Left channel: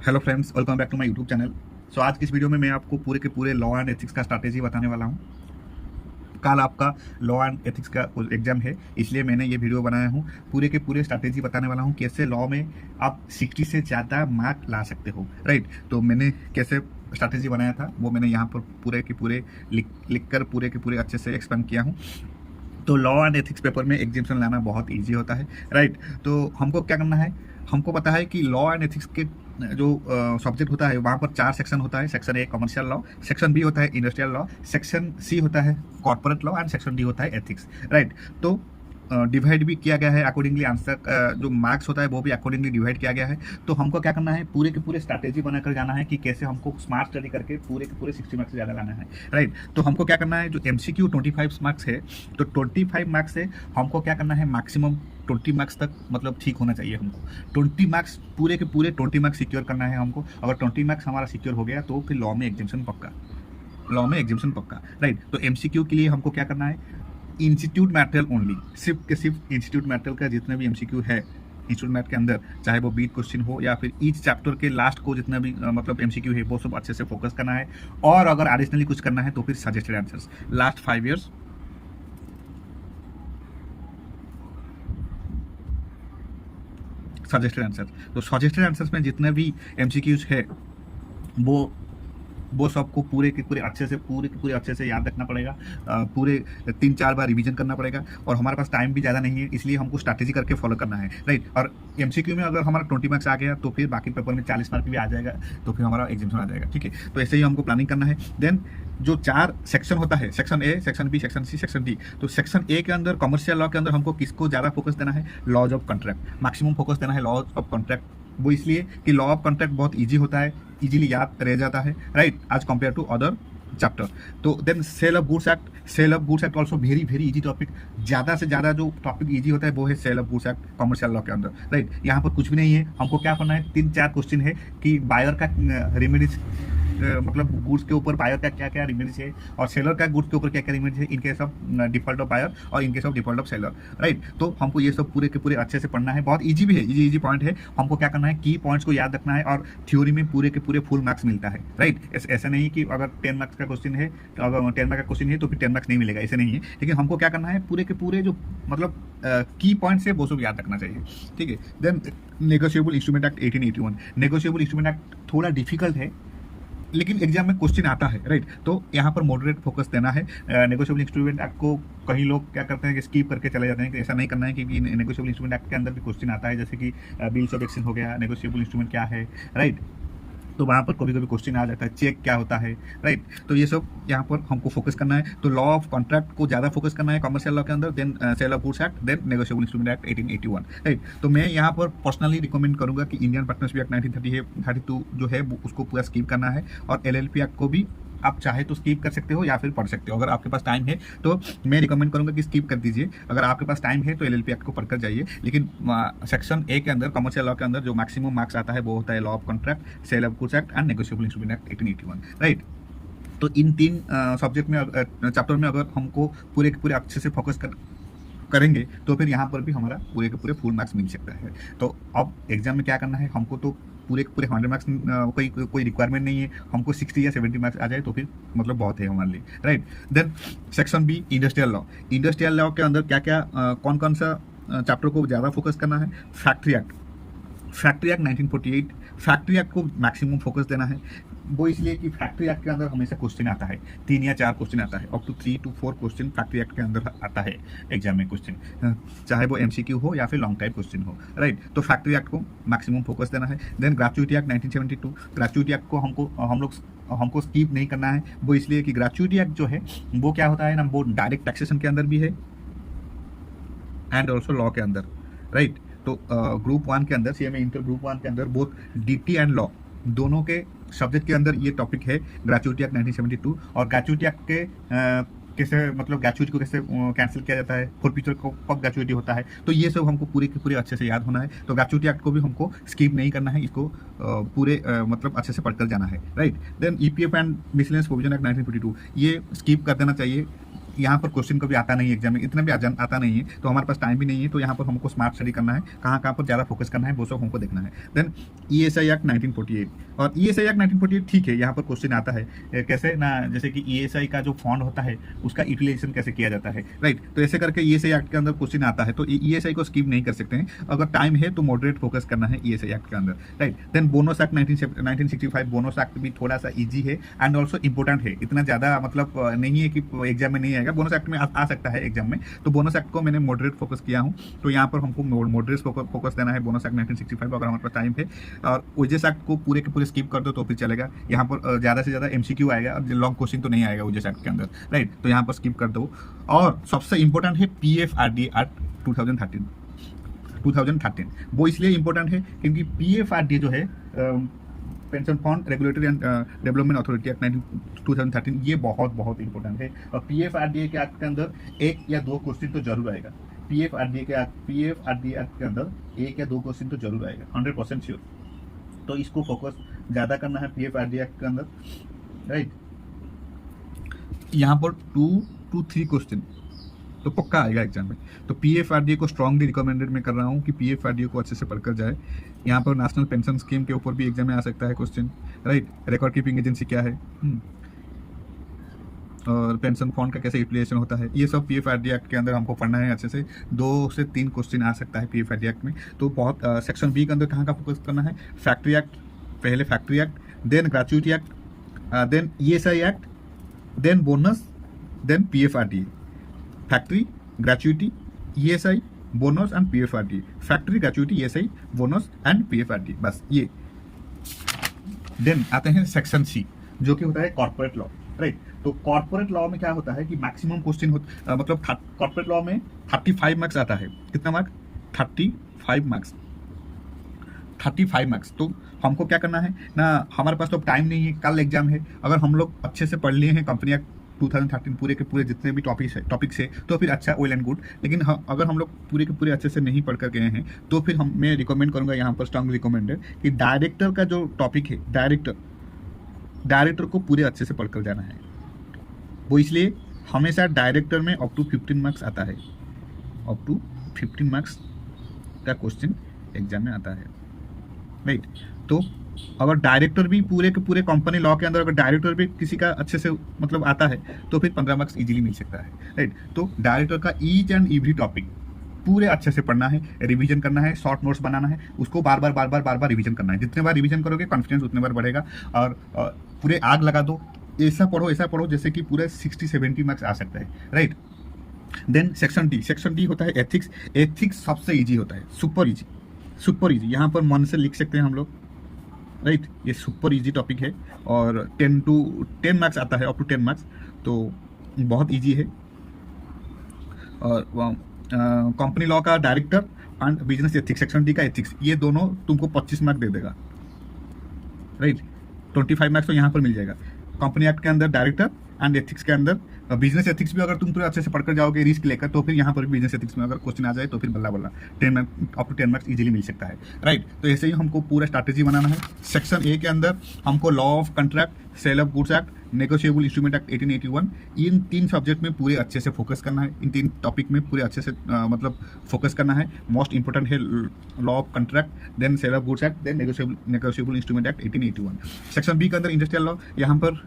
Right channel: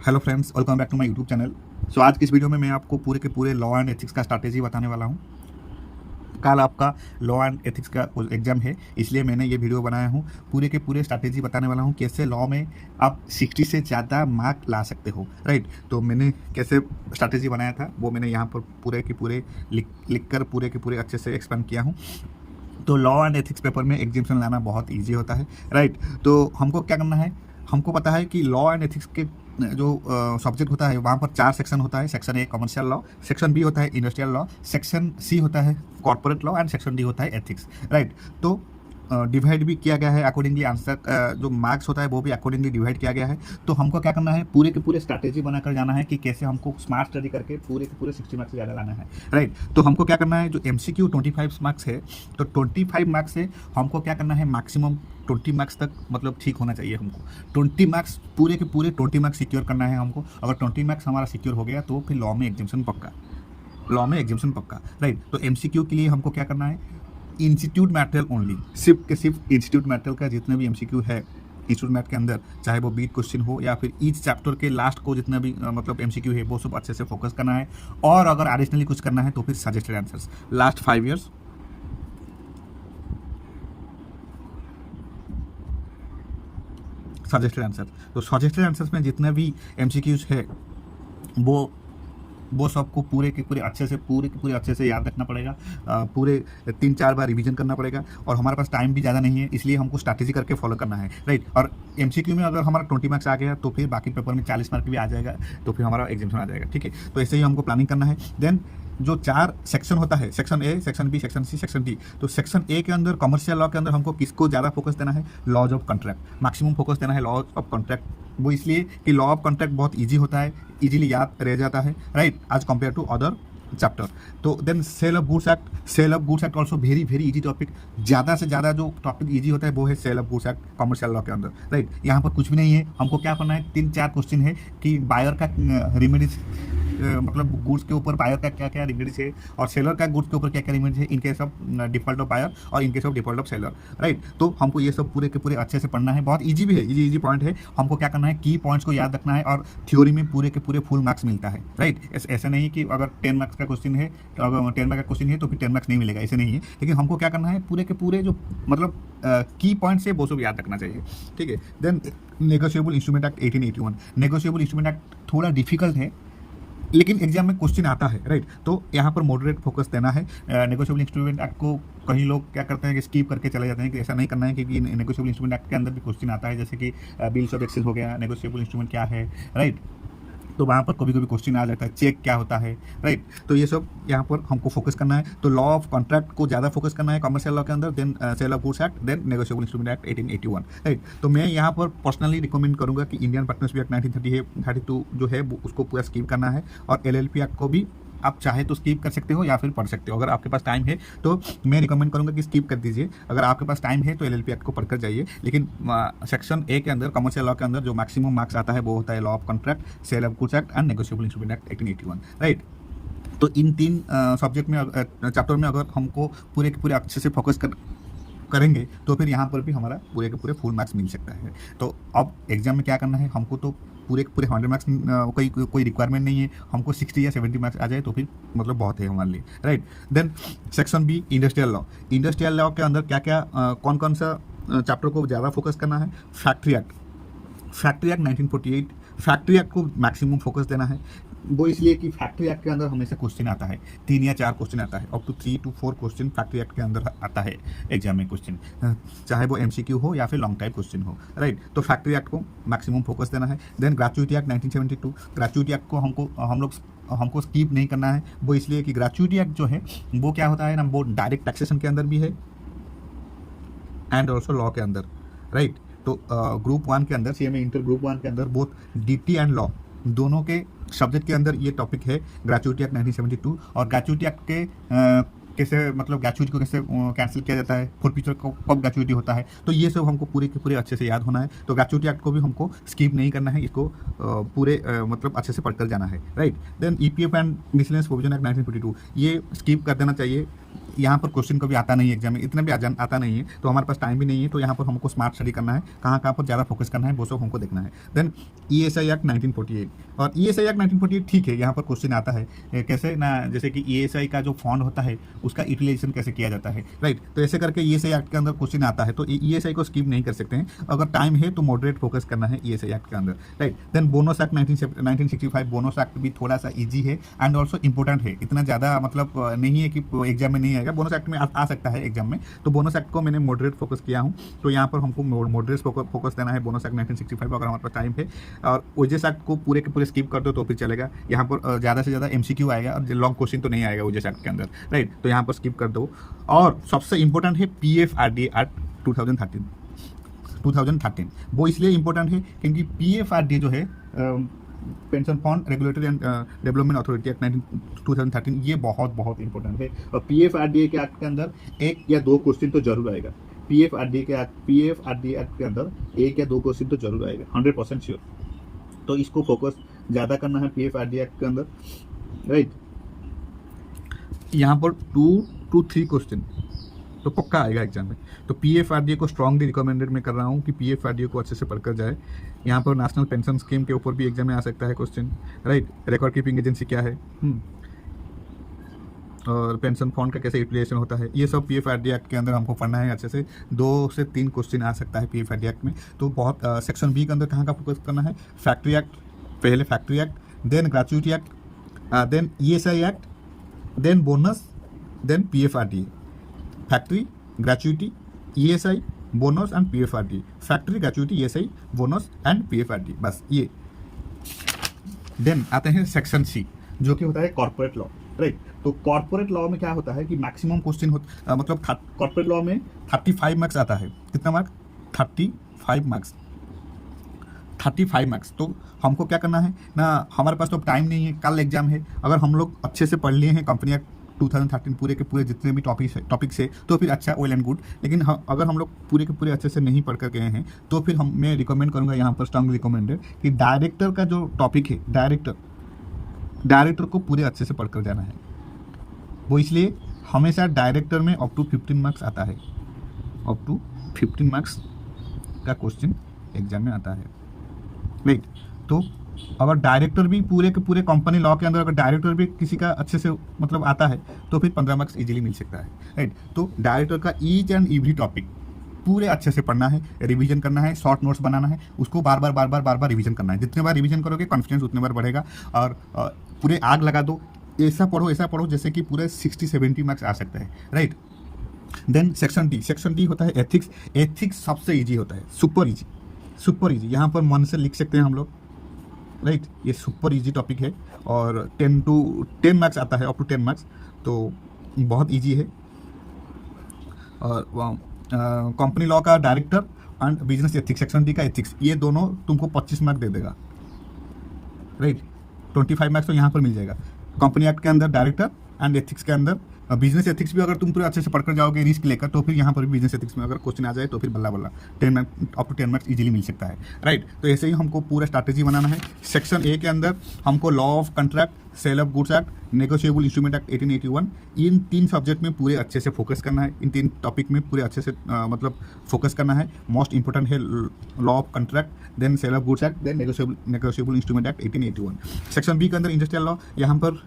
Hello friends, welcome back to my YouTube channel. So आज की इस वीडियो में मैं आपको पूरे के पूरे लॉ एंड एथिक्स का स्ट्रैटेजी बताने वाला हूं। कल आपका लॉ एंड एथिक्स का एग्जाम है, इसलिए मैंने ये वीडियो बनाया हूं। पूरे के पूरे स्ट्रैटेजी बताने वाला हूं कैसे लॉ में आप 60 से ज़्यादा मार्क ला सकते हो, राइट। तो मैंने कैसे स्ट्रैटेजी बनाया था वो मैंने यहाँ पर पूरे के पूरे लिख कर पूरे के पूरे अच्छे से एक्सप्लेन किया हूँ। तो लॉ एंड एथिक्स पेपर में एग्जामिशन लाना बहुत इजी होता है, राइट। तो हमको क्या करना है, हमको पता है कि लॉ एंड एथिक्स के जो सब्जेक्ट होता है वहाँ पर 4 सेक्शन होता है। Section A commercial law, section B होता है इंडस्ट्रियल लॉ, सेक्शन सी होता है corporate law and section D होता है एथिक्स, राइट। तो डिवाइड भी किया गया है अकॉर्डिंगली, आंसर जो मार्क्स होता है वो भी अकॉर्डिंगली डिवाइड किया गया है। तो हमको क्या करना है, पूरे के पूरे स्ट्रैटेजी बनाकर जाना है कि कैसे हमको स्मार्ट स्टडी करके पूरे के पूरे 60 मार्क्स से ज़्यादा लाना है, राइट। तो हमको क्या करना है, जो MCQ 25 मार्क्स है, तो 25 मार्क्स से हमको क्या करना है, मैक्सिमम 20 मार्क्स तक मतलब ठीक होना चाहिए हमको। 20 मार्क्स पूरे के पूरे 20 मार्क्स सिक्योर करना है हमको। अगर 20 मार्क्स हमारा सिक्योर हो गया तो फिर लॉ में एग्जामिशन पक्का, लॉ में एग्जामिशन पक्का, राइट। तो MCQ के लिए हमको क्या करना है, इंस्टीट्यूट मैटेरियल ओनली, सिर्फ के सिर्फ इंस्टीट्यूट मैटेरियल का जितने भी MCQ है इंस्टीट्यूट मैथ के अंदर, चाहे वो बीट क्वेश्चन हो या फिर ईच चैप्टर के लास्ट को जितना भी मतलब MCQ है वो सब अच्छे से फोकस करना है। और अगर एडिशनली कुछ करना है तो फिर suggested answers last 5 years, suggested answer. तो सजेस्टेड आंसर्स में जितने भी MCQs है वो सबको पूरे के पूरे अच्छे से पूरे के पूरे अच्छे से याद रखना पड़ेगा। पूरे 3-4 बार रिवीजन करना पड़ेगा। और हमारे पास टाइम भी ज़्यादा नहीं है, इसलिए हमको स्ट्रैटेजी करके फॉलो करना है, राइट। और MCQ में अगर हमारा 20 मार्क्स आ गया तो फिर बाकी पेपर में 40 मार्क भी आ जाएगा, तो फिर हमारा एग्जामिशन आ जाएगा, ठीक है। तो ऐसे ही हमको प्लानिंग करना है। देन जो 4 सेक्शन होता है, section A, section B, section C, section D. तो सेक्शन ए के अंदर कमर्शियल लॉ के अंदर हमको किसको ज़्यादा फोकस देना है, laws of contract, maximum focus देना है लॉज ऑफ कॉन्ट्रैक्ट। वो इसलिए कि लॉ ऑफ कॉन्ट्रैक्ट बहुत इजी होता है, इजीली याद रह जाता है, right, as compare to other chapter. तो then sale of goods act, sale of goods act also very very easy topic. ज़्यादा से ज़्यादा जो टॉपिक इजी होता है वो है sale of goods act commercial law के अंदर, राइट। यहाँ पर कुछ भी नहीं है, हमको क्या करना है, 3-4 क्वेश्चन है कि बायर का रेमेडीज, मतलब गुड्स के ऊपर बायर का क्या क्या रेमेडीज है, और सेलर का गुड्स के ऊपर क्या क्या रेमेडीज है in case of default of buyer और in case of default of seller, right. तो हमको ये सब पूरे के पूरे अच्छे से पढ़ना है, बहुत इजी भी है, इजी पॉइंट है। हमको क्या करना है, की पॉइंट्स को याद रखना है, और थ्योरी में पूरे के पूरे फुल मार्क्स मिलता है, राइट। ऐसा नहीं कि अगर 10 मार्क्स का क्वेश्चन है तो अगर 10 मार्क्स का क्वेश्चन है तो फिर 10 मार्क्स नहीं मिलेगा, ऐसे नहीं है। लेकिन हमको क्या करना है, पूरे के पूरे जो मतलब की पॉइंट्स है वो सब याद रखना चाहिए, ठीक है। Then negotiable instrument act 1881, negotiable instrument act थोड़ा डिफिकल्ट है लेकिन एग्जाम में क्वेश्चन आता है, राइट। तो यहाँ पर मॉडरेट फोकस देना है। नेगोशिएबल इंस्ट्रूमेंट एक्ट को कई लोग क्या करते हैं कि स्कीप करके चले जाते हैं, कि ऐसा नहीं करना है, क्योंकि नेगोशिएबल इंस्ट्रूमेंट एक्ट के अंदर भी क्वेश्चन आता है, जैसे कि बिल्स ऑफ एक्सचेंज हो गया, नेगोशिएबल इंस्ट्रूमेंट क्या है, राइट। तो वहाँ पर कभी कभी क्वेश्चन आ जाता है, चेक क्या होता है, राइट। तो ये सब यहाँ पर हमको फोकस करना है। तो लॉ ऑफ कॉन्ट्रैक्ट को ज़्यादा फोकस करना है कमर्शियल लॉ के अंदर, then sale of goods act, then negotiable instrument act 1881, right. तो मैं यहाँ पर पर्सनली रिकमेंड करूँगा कि इंडियन पार्टनरशिप एक्ट 1932 जो है उसको पूरा स्कीप करना है, और LLP एक्ट को भी आप चाहे तो स्कीप कर सकते हो या फिर पढ़ सकते हो। अगर आपके पास टाइम है तो मैं रिकमेंड करूंगा कि स्कीप कर दीजिए। अगर आपके पास टाइम है तो LLP एक्ट को पढ़कर जाइए। लेकिन सेक्शन ए के अंदर कमर्शियल लॉ के अंदर जो मैक्सिमम मार्क्स आता है वो होता है law of contract, sale of goods act and negotiable instrument act 1881, right. तो इन 3 सब्जेक्ट में चैप्टर में अगर हमको पूरे के पूरे अच्छे से फोकस करेंगे तो फिर यहाँ पर भी हमारा पूरे के पूरे फुल मार्क्स मिल सकता है। तो अब एग्जाम में क्या करना है, हमको तो पूरे के पूरे 100 मार्क्स कोई रिक्वायरमेंट नहीं है, हमको 60 या 70 मार्क्स आ जाए तो फिर मतलब बहुत है हमारे लिए, right. Then section B industrial law, industrial law के अंदर क्या क्या कौन कौन सा चैप्टर को ज़्यादा फोकस करना है, factory act, factory act 1948, factory act को मैक्सिमम फोकस देना है। वो इसलिए कि फैक्ट्री एक्ट के अंदर हमेशा क्वेश्चन आता है, 3 या 4 क्वेश्चन आता है, up to 3 to 4 question factory act के अंदर आता है एग्जाम में क्वेश्चन, चाहे वो MCQ हो या फिर लॉन्ग टाइप क्वेश्चन हो, राइट। तो फैक्ट्री एक्ट को मैक्सिमम फोकस देना है। देन ग्रेच्युइटी एक्ट 1972, ग्रेच्युइटी एक्ट को हमको स्कीप नहीं करना है। वो इसलिए कि ग्रेच्युइटी एक्ट जो है वो क्या होता है ना, वो डायरेक्ट टैक्सेशन के अंदर भी है एंड ऑल्सो लॉ के अंदर, राइट। तो ग्रुप 1 के अंदर, CMA इंटर ग्रुप 1 के अंदर बोथ DT एंड लॉ दोनों के सब्जेक्ट के अंदर ये टॉपिक है, ग्रेच्युइटी एक्ट 1972। और ग्रेच्युइटी एक्ट के कैसे मतलब ग्रेच्युइटी को कैसे कैंसिल किया जाता है, फॉर फ्यूचर को कब ग्रेच्युइटी होता है, तो ये सब हमको पूरे के पूरे अच्छे से याद होना है। तो ग्रेच्युइटी एक्ट को भी हमको स्किप नहीं करना है, इसको पूरे मतलब अच्छे से पढ़कर जाना है, right. Then EPF and miscellaneous provision act 1942, ये स्किप कर देना चाहिए, यहाँ पर क्वेश्चन कभी आता नहीं है एग्जाम में, इतना भी आता नहीं है, तो हमारे पास टाइम भी नहीं है, तो यहाँ पर हमको स्मार्ट स्टडी करना है, कहाँ पर ज़्यादा फोकस करना है वो सब हमको देखना है। देन ESI एक्ट 1948, और ESI एक्ट 1948 ठीक है, यहाँ पर क्वेश्चन आता है कैसे ना, जैसे कि ESI का जो फंड होता है उसका यूटिलाइजेशन कैसे किया जाता है, राइट। तो ऐसे करके ESI एक्ट के अंदर क्वेश्चन आता है, तो ESI को स्किप नहीं कर सकते हैं, अगर टाइम है तो मॉडरेट फोकस करना है ESI एक्ट के अंदर, right. Then bonus act 1965, bonus act भी थोड़ा सा ईजी है एंड ऑल्सो इंपॉर्टेंट है, इतना ज़्यादा मतलब नहीं है कि एग्जाम में नहीं आएगा, बोनस एक्ट में आ सकता है एग्जाम में, तो बोनस एक्ट को मैंने मॉडरेट फोकस किया हूँ, तो यहाँ पर हमको मॉडरेट फोकस देना है बोनस एक्ट 1965 अगर हमारे पास टाइम है, और ओजेस एक्ट को पूरे के पूरे स्किप कर दो तो फिर चलेगा, यहाँ पर ज़्यादा से ज़्यादा MCQ आएगा, लॉन्ग क्वेश्चन तो नहीं आएगा ओजेस एक्ट के अंदर, राइट, तो यहाँ पर स्किप कर दो। और सबसे इंपॉर्टेंट है PFRDA एक्ट 2013, वो इसलिए इंपॉर्टेंट है क्योंकि PFRDA जो है pension fund regulatory and development authority act 2013, ये बहुत बहुत इंपॉर्टेंट है, और PFRDA के एक्ट के अंदर एक या दो क्वेश्चन तो जरूर आएगा, PFRDA एक्ट के अंदर एक या दो क्वेश्चन तो जरूर आएगा, 100% श्योर। तो इसको फोकस ज़्यादा करना है PFRDA एक्ट के अंदर, राइट। यहाँ पर 2 to 3 क्वेश्चन तो पक्का आएगा एग्जाम में, तो PFRDA को स्ट्रांगली रिकमेंडेड मैं कर रहा हूँ कि PFRDA को अच्छे से पढ़कर जाए। यहाँ पर नेशनल पेंशन स्कीम के ऊपर भी एग्जाम में आ सकता है question, right, record keeping agency क्या है, और पेंशन फंड का कैसे यूटिलाइजेशन होता है, ये सब PFRDA एक्ट के अंदर हमको पढ़ना है अच्छे से। 2 से 3 क्वेश्चन आ सकता है PFRDA एक्ट में, तो बहुत सेक्शन B के अंदर कहाँ का फोकस करना है, फैक्ट्री एक्ट, पहले factory act, then gratuity act, then ESI act, then bonus, then PFRDA, factory, gratuity, ESI, bonus and PFRDA, factory, gratuity, ESI, bonus and PFRDA, बस ये। देन आते हैं सेक्शन C जो कि होता है कॉर्पोरेट लॉ, राइट। तो कॉर्पोरेट लॉ में क्या होता है कि मैक्सिमम क्वेश्चन मतलब कॉर्पोरेट लॉ में 35 मार्क्स आता है, कितना मार्क्स, 35 मार्क्स। तो हमको क्या करना है ना, हमारे पास तो टाइम नहीं है, कल एग्जाम है, अगर हम लोग अच्छे से पढ़ लिए हैं कंपनी एक्ट 2013 पूरे के पूरे जितने भी टॉपिक्स है तो फिर अच्छा वेल एंड गुड, लेकिन अगर हम लोग पूरे के पूरे अच्छे से नहीं पढ़ कर गए हैं तो फिर मैं रिकमेंड करूंगा यहाँ पर स्ट्रांग रिकमेंडेड कि डायरेक्टर का जो टॉपिक है, डायरेक्टर को पूरे अच्छे से पढ़कर जाना है। वो इसलिए हमेशा डायरेक्टर में अप टू 15 मार्क्स आता है, अप टू 15 मार्क्स का क्वेश्चन एग्जाम में आता है, राइट। तो अगर डायरेक्टर भी पूरे के पूरे कंपनी लॉ के अंदर अगर डायरेक्टर भी किसी का अच्छे से मतलब आता है तो फिर 15 मार्क्स इजीली मिल सकता है, राइट। तो डायरेक्टर का ईच एंड एवरी टॉपिक पूरे अच्छे से पढ़ना है, रिवीजन करना है, शॉर्ट नोट्स बनाना है, उसको बार बार रिवीजन करना है, जितने बार रिवीजन करोगे कॉन्फिडेंस उतने बार बढ़ेगा, और पूरे आग लगा दो, ऐसा पढ़ो जैसे कि पूरे 60-70 मार्क्स आ सकता है, राइट। देन सेक्शन डी होता है एथिक्स सबसे ईजी होता है, सुपर इजी, यहाँ पर मन से लिख सकते हैं हम लोग, राइट। ये सुपर इजी टॉपिक है और 10 मार्क्स आता है, अप टू 10 मार्क्स, तो बहुत इजी है। और कंपनी लॉ का director and business ethics, section D का एथिक्स, ये दोनों तुमको 25 मार्क्स दे देगा, राइट। 25 मार्क्स तो यहाँ पर मिल जाएगा। कंपनी एक्ट के अंदर डायरेक्टर एंड एथिक्स के अंदर बिजनेस एथिक्स भी अगर तुम पूरे अच्छे से पढ़कर जाओगे रिस्क लेकर तो फिर यहाँ पर भी बिजनेस एथिक्स में अगर क्वेश्चन आ जाए तो फिर बल्ला 10 marks up to 10 marks easily मिल सकता है, राइट। तो ऐसे ही हमको पूरा स्ट्रैटेजी बनाना है। सेक्शन ए के अंदर हमको law of contract, sale of goods act, negotiable instrument act 1881, इन 3 सब्जेक्ट में पूरे अच्छे से फोकस करना है, इन 3 टॉपिक में पूरे अच्छे से मतलब फोकस करना है। मोस्ट इंपॉर्टेंट है law of contract, then sale of goods act, then negotiable instrument act 1881। Section B के अंदर इंडस्ट्रियल लॉ, यहाँ पर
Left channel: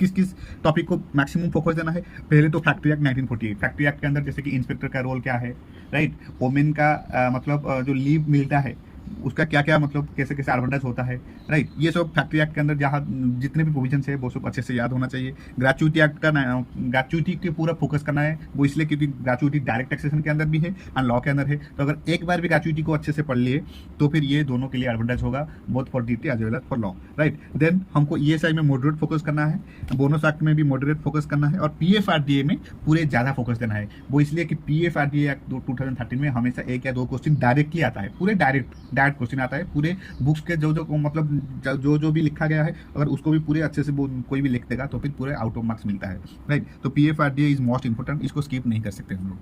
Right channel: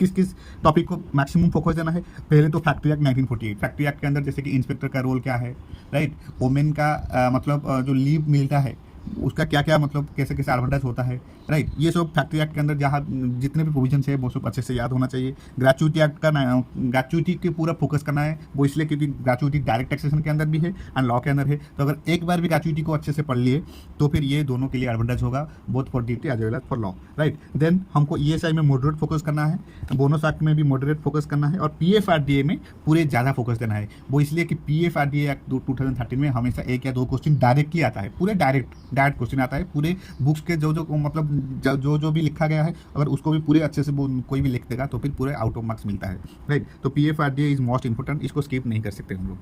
किस टॉपिक को मैक्सिमम फोकस देना है। पहले तो फैक्ट्री एक्ट 1948, फैक्ट्री एक्ट के अंदर जैसे कि इंस्पेक्टर का रोल क्या है, राइट, वोमेन का मतलब जो लीव मिलता है उसका क्या क्या मतलब कैसे कैसे एडवांटेज होता है, राइट। ये सब फैक्ट्री एक्ट के अंदर जहाँ जितने भी प्रोविजन है वो सब अच्छे से याद होना चाहिए। ग्रेचुइटी एक्ट का ग्रेचुइटी के पूरा फोकस करना है, वो इसलिए क्योंकि ग्रेचुइटी डायरेक्ट टैक्सेशन के अंदर भी है एंड लॉ के अंदर है, तो अगर एक बार भी ग्रेचुइटी को अच्छे से पढ़ लिए तो फिर ये दोनों के लिए एडवांटेज होगा, both for duty as well as for law, right. Then हमको ESI में मॉडरेट फोकस करना है, बोनस एक्ट में भी मॉडरेट फोकस करना है, और PFRDA में पूरे ज़्यादा फोकस देना है। वो इसलिए कि PFRDA एक्ट 2013 में हमेशा 1 या 2 क्वेश्चन डायरेक्टली आता है, पूरे डायरेक्ट क्वेश्चन आता है, पूरे बुक्स के जो मतलब जो भी लिखा गया है अगर उसको भी पूरे अच्छे से कोई भी लिख देगा तो फिर पूरे आउट ऑफ मार्क्स मिलता है, राइट। तो PFRDA इज मोस्ट इंपॉर्टेंट, इसको स्किप नहीं कर सकते हम लोग।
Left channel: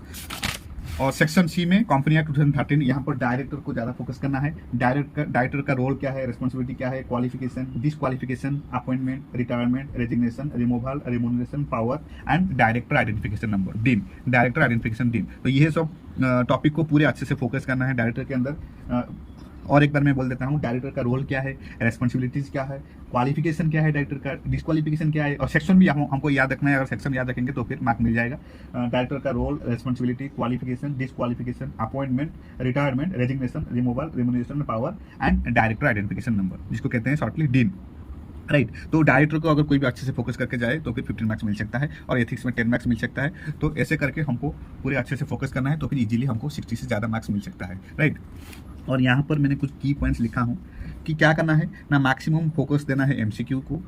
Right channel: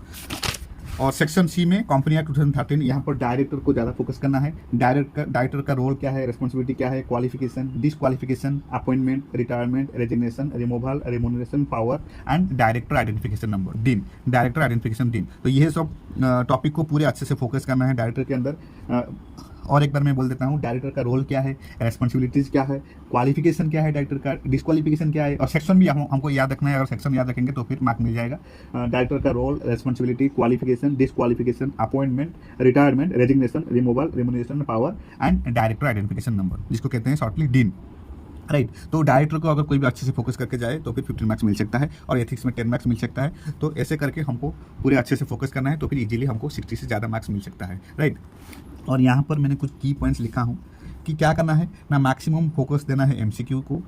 और सेक्शन सी में कंपनी एक्ट 2013, यहाँ पर डायरेक्टर को ज़्यादा फोकस करना है। डायरेक्टर का रोल क्या है, रिस्पॉन्सिबिलिटी क्या है, qualification, disqualification, appointment, retirement, resignation, removal, remuneration, power and director identification number, dean, director identification dean. तो ये सब टॉपिक को पूरे अच्छे से फोकस करना है डायरेक्टर के अंदर। और एक बार मैं बोल देता हूँ, डायरेक्टर का रोल क्या है, रेस्पॉन्सिबिलिटीज़ क्या है, क्वालिफिकेशन क्या है डायरेक्टर का, डिसक्वालिफिकेशन क्या है, और सेक्शन भी हमको याद रखना है। अगर सेक्शन याद रखेंगे तो फिर मार्क मिल जाएगा। डायरेक्टर का role, responsibility, qualification, disqualification, appointment, retirement, resignation, removal, remuneration, power and director identification number, जिसको कहते हैं शॉर्टली डीन, राइट। तो डायरेक्टर को अगर कोई भी अच्छे से फोकस करके जाए तो फिर 15 मार्क्स मिल सकता है, और एथिक्स में 10 मार्क्स मिल सकता है। तो ऐसे करके हमको पूरे अच्छे से फोकस करना है, तो फिर इजीली हमको 60 से ज़्यादा मार्क्स मिल सकता है, राइट। और यहाँ पर मैंने कुछ की पॉइंट्स लिखा हूँ कि क्या करना है ना, मैक्सिमम फोकस देना है एमसीक्यू को,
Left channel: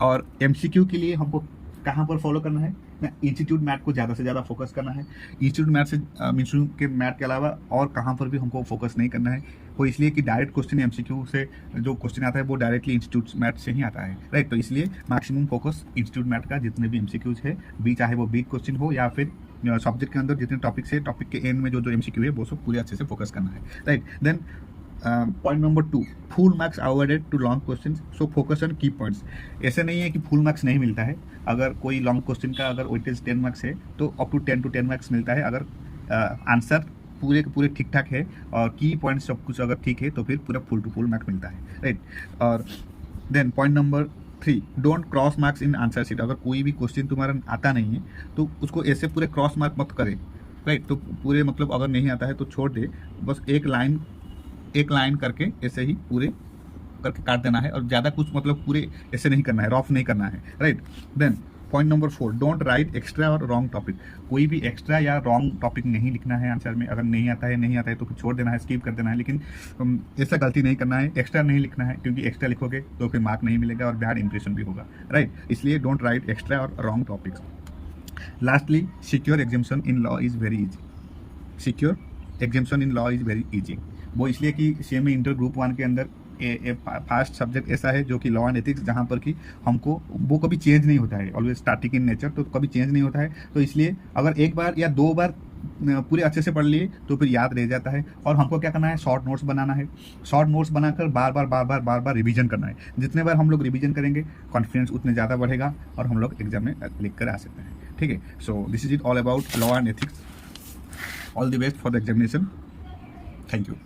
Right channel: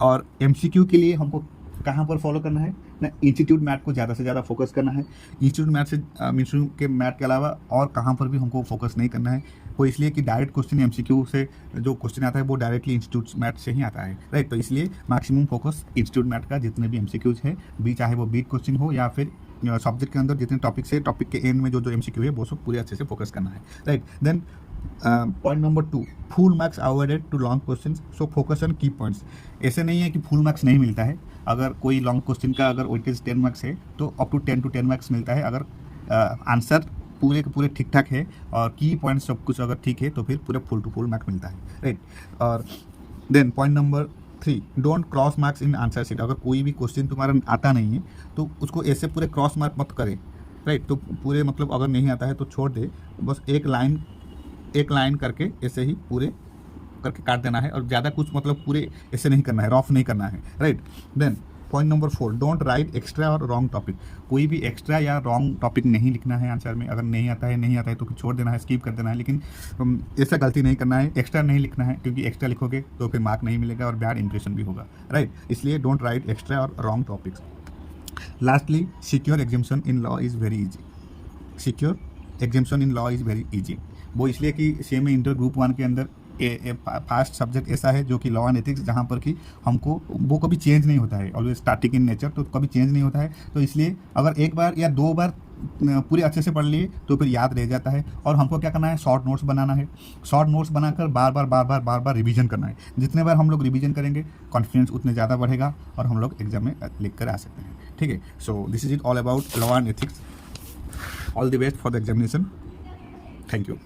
और एमसीक्यू के लिए हमको कहाँ पर फॉलो करना है ना, इंस्टीट्यूट मैथ को ज़्यादा से ज़्यादा फोकस करना है। इंस्टीट्यूट मैथ से इंस्टीट्यूट के मैथ के अलावा और कहाँ पर भी हमको फोकस नहीं करना है। वो इसलिए कि डायरेक्ट क्वेश्चन एमसीक्यू से जो क्वेश्चन आता है वो डायरेक्टली इंस्टीट्यूट मैथ से ही आता है, राइट। तो इसलिए मैक्सिमम फोकस इंस्टीट्यूट मैथ का जितने भी एमसीक्यूज है, चाहे वो बीट क्वेश्चन हो या फिर सब्जेक्ट के अंदर जितने टॉपिक्स है, टॉपिक के एंड में जो एमसीक्यू है वो सब पूरे अच्छे से फोकस करना है, right. Then point number 2, full marks awarded to long question, so focus on key points. ऐसे नहीं है कि फुल मार्क्स नहीं मिलता है। अगर कोई लॉन्ग क्वेश्चन का अगर वेटेज 10 मार्क्स है तो अप टू 10 मार्क्स मिलता है, अगर आंसर पूरे के पूरे ठीक ठाक है और की पॉइंट सब कुछ अगर ठीक है तो फिर पूरा फुल टू फुल मार्क्स मिलता है, राइट। और then point number 3, don't cross marks in answer sheet. अगर कोई भी क्वेश्चन तुम्हारा आता नहीं है तो उसको ऐसे पूरे क्रॉस मार्क मत करें, राइट। तो पूरे मतलब अगर नहीं आता है तो छोड़ दे, बस एक लाइन करके ऐसे ही पूरे करके काट देना है, और ज़्यादा कुछ मतलब पूरे ऐसे नहीं करना है, रफ नहीं करना है, right. Then point number 4, don't write extra और रॉन्ग टॉपिक। कोई भी एक्स्ट्रा या रॉन्ग टॉपिक नहीं लिखना है आंसर में। अगर नहीं आता है तो छोड़ देना है, स्किप कर देना है, लेकिन ऐसा गलती नहीं करना है, एक्स्ट्रा नहीं लिखना है, क्योंकि एक्स्ट्रा लिखोगे तो फिर मार्क नहीं मिलेगा और बैड इंप्रेशन भी होगा, राइट। इसलिए डोंट राइट एक्स्ट्रा और wrong topics. Lastly, secure exemption in law is very easy. Secure exemption in law is very easy. वो इसलिए कि सीएमए इंटर ग्रुप 1 के अंदर फास्ट सब्जेक्ट ऐसा है जो कि लॉ एंड एथिक्स, जहाँ पर कि हमको वो कभी चेंज नहीं होता है, ऑलवेज स्टैटिक इन नेचर, तो कभी चेंज नहीं होता है। तो इसलिए अगर एक बार या 2 बार पूरे अच्छे से पढ़ लिए तो फिर याद रह जाता है। और हमको क्या करना है, शॉर्ट नोट्स बनाना है। शॉर्ट नोट्स बनाकर बार बार रिवीजन करना है। जितने बार हम लोग रिवीजन करेंगे कॉन्फिडेंस उतने ज़्यादा बढ़ेगा और हम लोग एग्जाम में लिख कर आ सकते हैं, ठीक है। So this is it all about law and ethics. All the best for the examination. Thank you.